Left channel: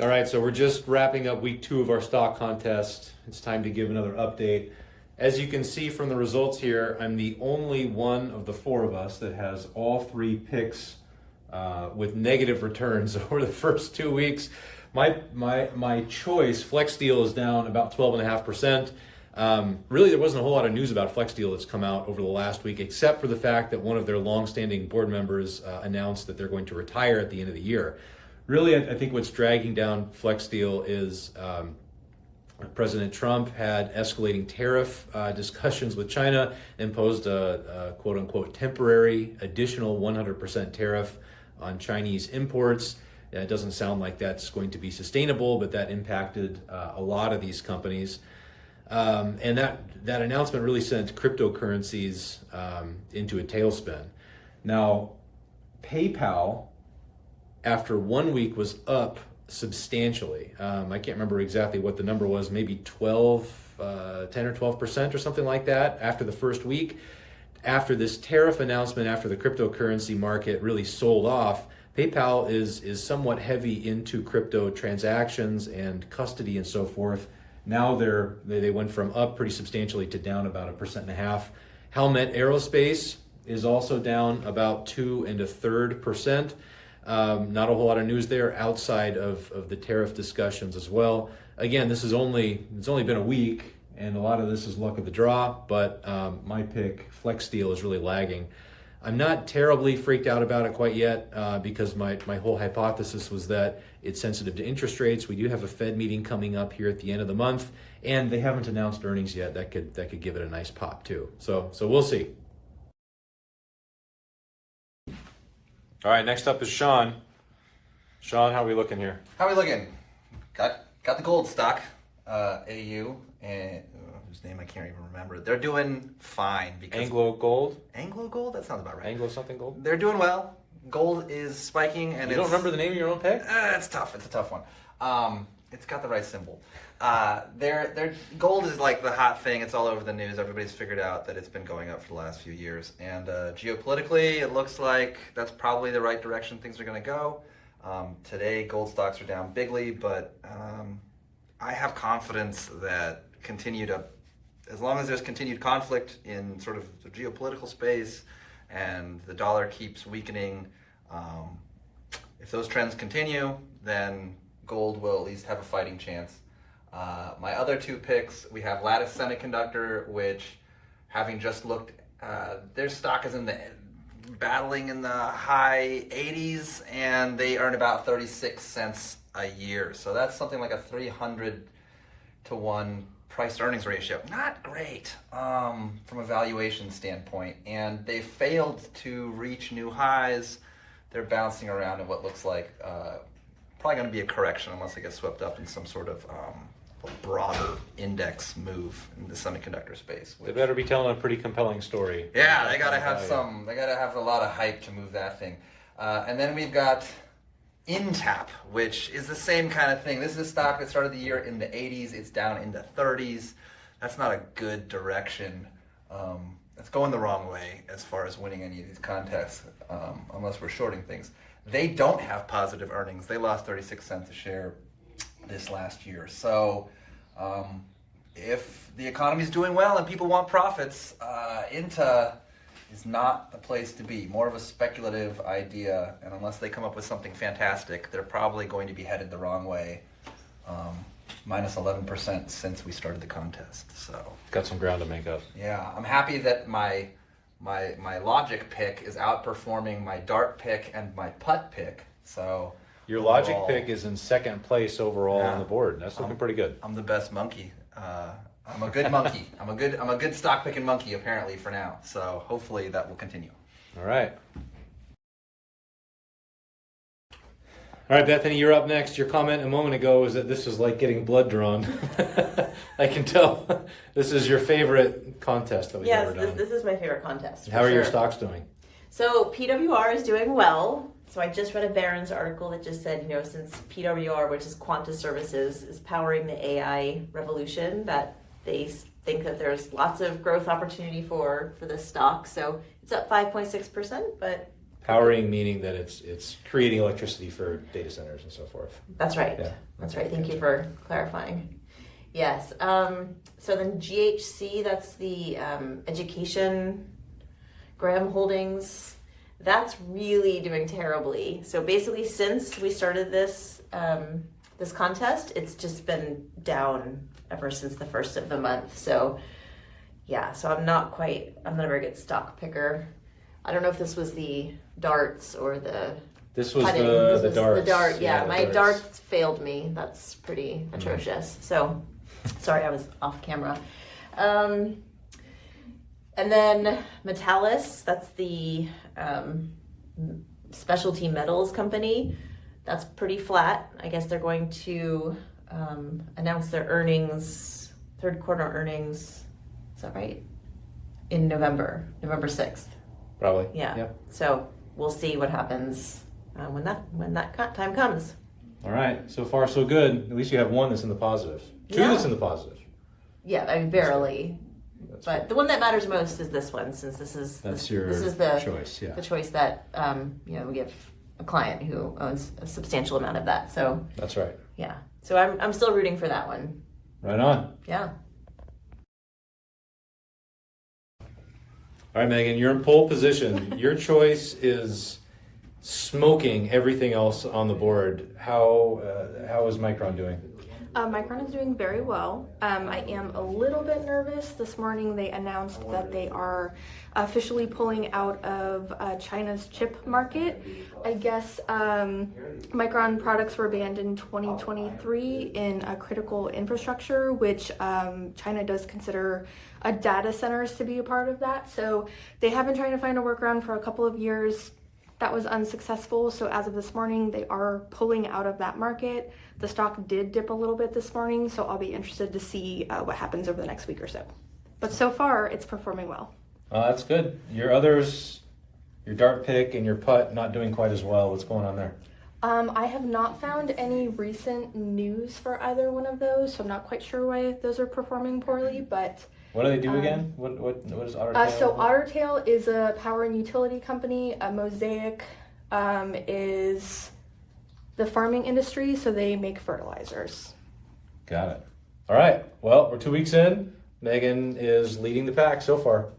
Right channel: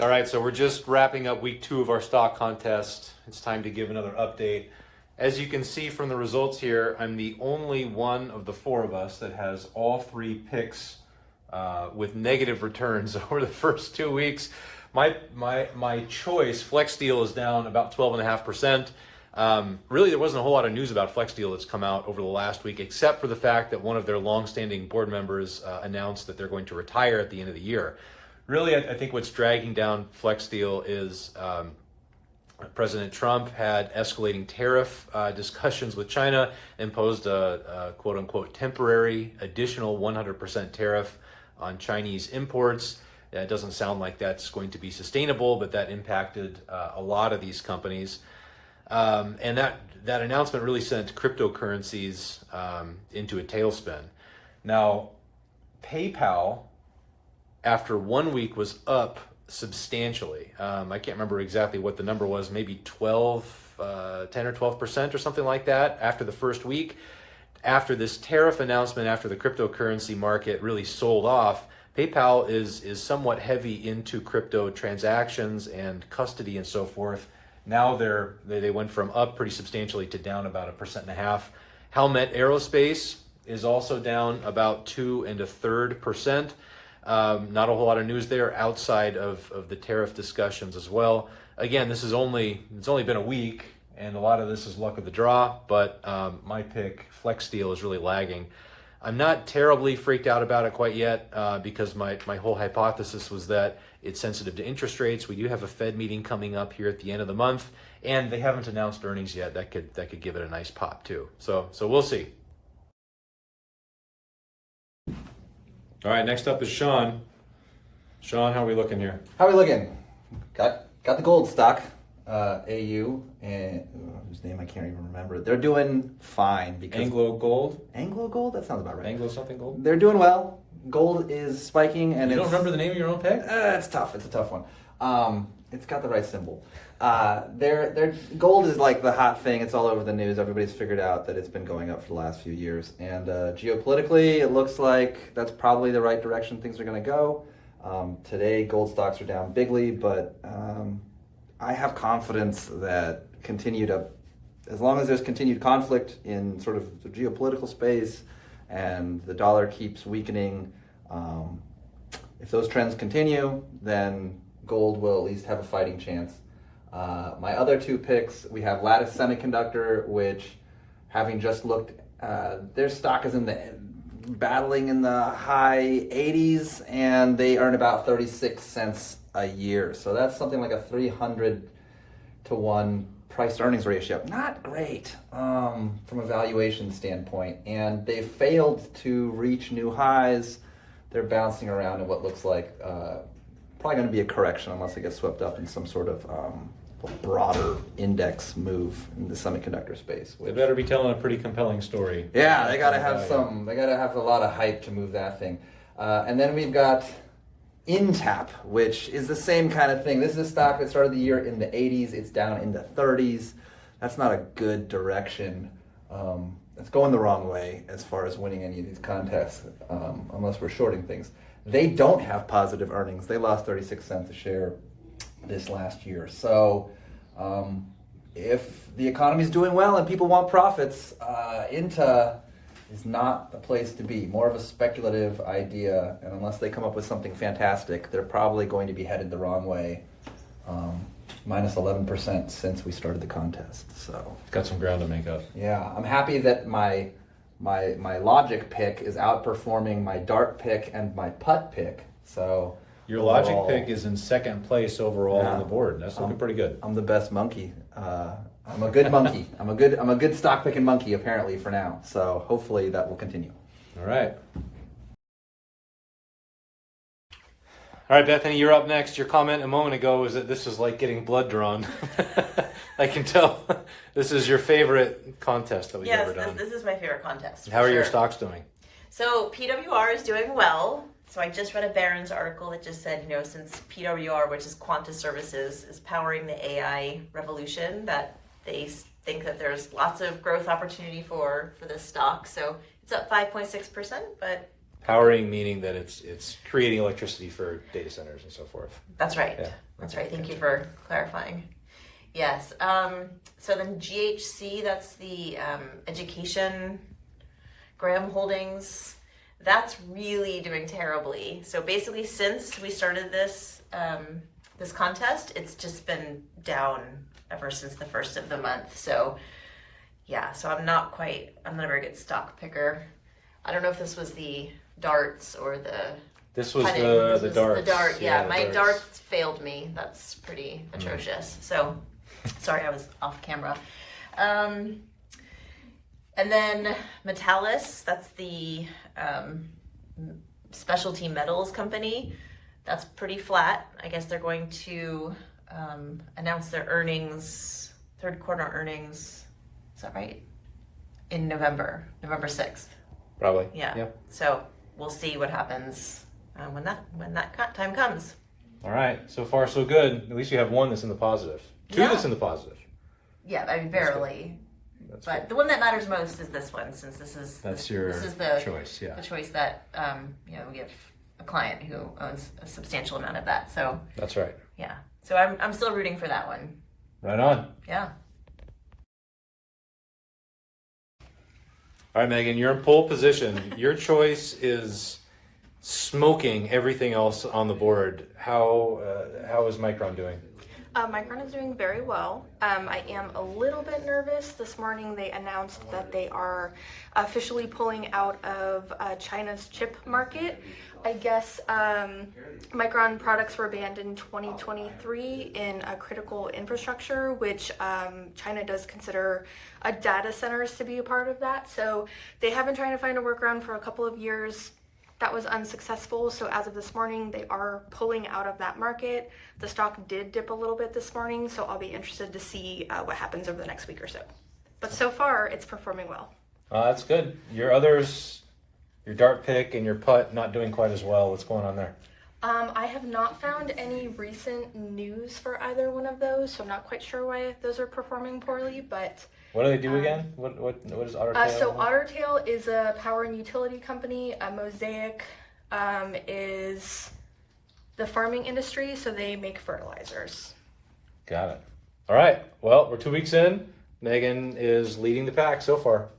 All right, so we're just wrapping up week 2 of our stock contest. It's time to give another update. As you can see from the results here, I'm the only one of the 4 of us that has all 3 picks with negative returns over the first 2 weeks. My choice, FlexSteel, is down about 12.5%. Really, there wasn't a whole lot of news about FlexSteel that's come out over the last week, except for the fact that one of their longstanding board members announced that they're going to retire at the end of the year. Really, I think what's dragging down FlexSteel is President Trump had escalating tariff discussions with China, imposed a quote-unquote temporary additional 100% tariff on Chinese imports. It doesn't sound like that's going to be sustainable, but that impacted a lot of these companies. And that announcement really sent cryptocurrencies into a tailspin. Now, PayPal, after 1 week, was up substantially. I can't remember exactly what the number was, maybe 10 or 12% or something like that after the first week. After this tariff announcement, after the cryptocurrency market really sold off, PayPal is somewhat heavy into crypto transactions and custody and so forth. Now they went from up pretty substantially to down about 1.5%. Howmet Aerospace is also down about 2 1/3%. Not a whole lot of news there outside of the tariff discussions as well. Again, it's only been a week, and a lot of this is luck of the draw, but my pick, FlexSteel, is really lagging. I'm not terribly freaked out about it quite yet because my whole hypothesis was that it's sensitive to interest rates. We do have a Fed meeting coming up here at the end of the month, and they haven't announced earnings yet. That could give it a nice pop too. So we'll see. All right, next up is Sean. Sean, how are we looking here? How are we looking? Got the gold stock, AU, and whose name I can't even remember. They're doing fine because Anglo Gold? Anglo Gold? That sounds about right. Anglo something Gold? They're doing well. Gold is spiking, and you don't remember the name of your own pick? It's tough. It's a tough one. It's got the right symbol. Their gold is like the hot thing. It's all over the news. Everybody's figured out that it's been going up for the last few years. And geopolitically, it looks like that's probably the right direction things are going to go. Today, gold stocks are down bigly, but I have confidence that as long as there's continued conflict in sort of the geopolitical space and the dollar keeps weakening, if those trends continue, then gold will at least have a fighting chance. My other 2 picks, we have Lattice Semiconductor, which, having just looked, their stock is battling in the high 80s, and they earn about 36 cents a year. So that's something like a 300-to-1 price-to-earnings ratio. Not great from a valuation standpoint, and they failed to reach new highs. They're bouncing around in what looks like probably going to be a correction unless they get swept up in some sort of broader index move in the semiconductor space. They better be telling a pretty compelling story. Yeah, they got to have they got to have a lot of hype to move that thing. And then we've got Intap, which is the same kind of thing. This is a stock that started the year in the 80s. It's down into 30s. That's not a good direction. It's going the wrong way as far as winning any of these contests, unless we're shorting things. They don't have positive earnings. They lost 36 cents a share this last year. So if the economy's doing well and people want profits, Inta is not the place to be. More of a speculative idea, and unless they come up with something fantastic, they're probably going to be headed the wrong way. Minus 11% since we started the contest. So got some ground to make up. Yeah, I'm happy that my logic pick is outperforming my dart pick and my putt pick. So your logic pick is in second place overall on the board. That's looking pretty good. I'm the best monkey. I'm a good monkey. I'm a good stock picking monkey apparently for now. So hopefully that will continue. All right. All right, Bethany, you're up next. Your comment a moment ago was that this is like getting blood drawn. I can tell. This is your favorite contest that we've ever done. Yes, this is my favorite contest. How are your stocks doing? So PWR is doing well. So I just read a Barron's article that just said, since PWR, which is Quanta Services, is powering the AI revolution, that they think that there's lots of growth opportunity for this stock. So it's up 5.6%, but Powering meaning that it's creating electricity for data centers and so forth. That's right. Yeah. That's right. Thank you for clarifying. Yes. So then GHC, that's the Education Graham Holdings. That's really doing terribly. So basically, since we started this this contest, it's just been down ever since the first of the month. So yeah, so I'm not a very good stock picker. I don't know if this was the darts or the This was putting. the darts. The dart, yeah. the My darts. darts failed me. That's pretty atrocious. So sorry, I was off camera. And then Metallis, that's the specialty metals company. That's pretty flat. I guess they're going to announce their earnings, third quarter earnings. Is that right? In November 6th. Probably. Yeah. So we'll see what happens when that time comes. All right. So far, so good. At least you have one that's in the positive. Two Yeah. that's in the positive. Yeah, I mean barely. But the one that matters most is this one, since this is the choice. Yeah. the choice that we give a client who owns a substantial amount of that. So That's right. yeah, so I'm still rooting for that one. Right on. Yeah. All right, Megan, you're in pole position. Your choice is smoking everything else on the board. How is Micron doing? Micron is doing very well. I am a little bit nervous. This morning they announced that they are officially pulling out of China's chip market. I guess Micron products were banned in 2023 in a critical infrastructure, which China does consider data centers to be a part of that. So they have been trying to find a workaround for a couple of years. That was unsuccessful. So as of this morning, they are pulling out of that market. The stock did dip a little bit this morning, so I'll be interested to see what happens over the next week or so. But so far, it's performing well. That's good. Your others, your dart pick and your putt, not doing quite as well. What's going on there? I have not found any recent news for either one of those, so I'm not quite sure why those are performing poorly, but... What do they do again? What is Ottertail? So Ottertail is a power and utility company. Mosaic is the farming industry, so they make fertilizers. Got it. All right. Well, we're 2 weeks in. Megan is leading the pack so far.